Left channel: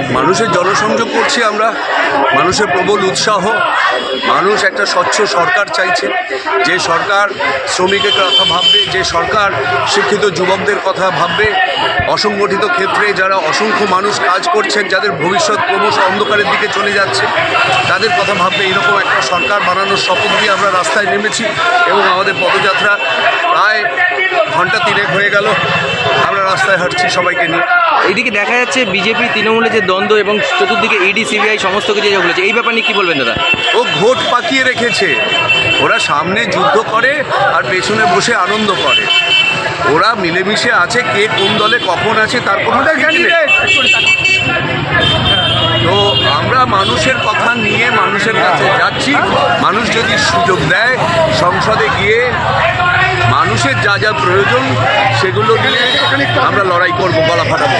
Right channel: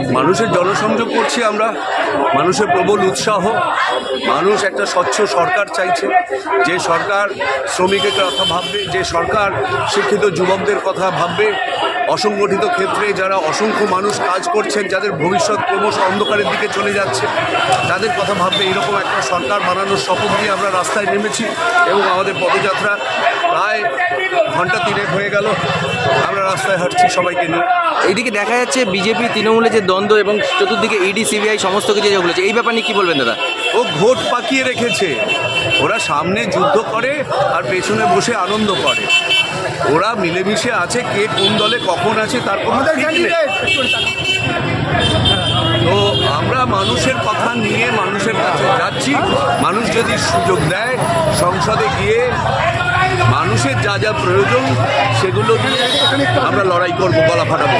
মানুষের জনসংযোগ করছি আমরা। মানুষের প্রবল উৎসাহ। মানুষ একটা স্বচ্ছ সরকার চাইছে। যে সরকার শ্রমিকের কথা ভাববে, যে সরকার শিক্ষিত যুবকদের কথা ভাববে, অসংগঠিত ক্ষেত্রে যারা অসংখ্য মানুষ কাজ করছেন, যাদের ভবিষ্যৎ ক্রমশ অন্ধকারের দিকে চলে যাচ্ছে, তাদের কথা ভাববে এরকম একটা সরকার বানানোর শপথ নিয়ে আমরা রাস্তায় নেমেছি এবং আমাদের পদযাত্রা প্রায় ঘণ্টা তিনেক হয়ে গেল। আমরা রাস্তায় হাঁটছি সবাইকে নিয়ে। এইদিকে দেখা যাচ্ছে বিজেপি তৃণমূলের যে দ্বন্দ্ব এবং চতুর্দিকে ইডি সিবিআই সমস্ত কিছু যে বলেছে। এই ব্যাপার নিয়ে কী বলবেন দাদা? ও ঘোট পাকিয়ে রেখেছে। ওরা সামনে যুদ্ধ করে আর পেছনে বসে আনন্দ করে। ওরা মিলেমিশে আছে কে কোন দলে কখন আছে তার কোনো। তো আমরা মানুষের কথা নিয়ে মানুষের কাছে যাচ্ছি। মানুষ যদি সুযোগ দেয় সংসদে গিয়ে মানুষের যা যা প্রয়োজন সেগুলো নিয়ে আমরা লড়াই করব গলা ফাটাবো।